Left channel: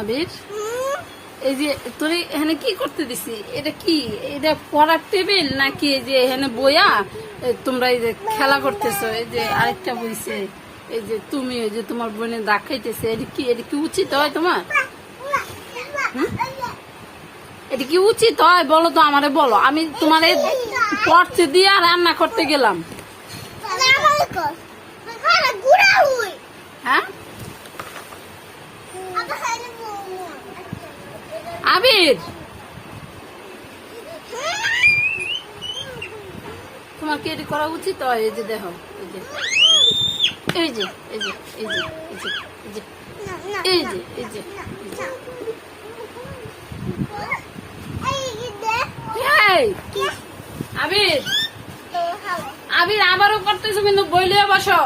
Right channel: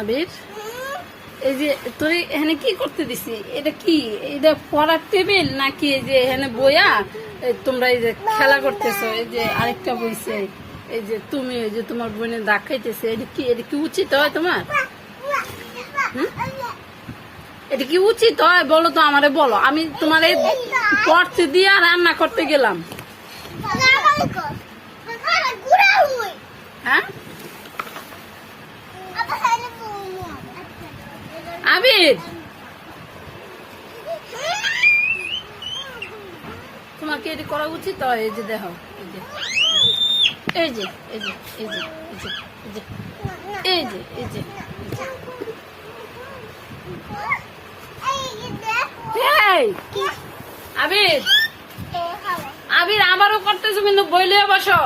আবির, এই যে তোর এখানে কি করতে দিছি? এটা কি? এটা পড়ার টেবিল নাকি? এই যে এখানে বইয়া তোমরা এই যে খেলা করতেছো, এই যে আরেকটা বইছে, এই যে তুমি এই যে তোমার বোনে দাগ খাইতেছে, এটা কি উচিত হয় তোমার? এটা কি উচিত হয় বলো তো, আমারে বলো। আমি তোমার পড়তে দিয়ে রান্না করতে গেলাম। হ্যাঁ আবির, তোমার কি এটি করা উচিত হয়? এই যে দেখো, এই যে এই যে এই যে এই যে এই যে এই যে এই যে এই যে আবির, আবির আবারও করতেছো কিন্তু বইলে বসো।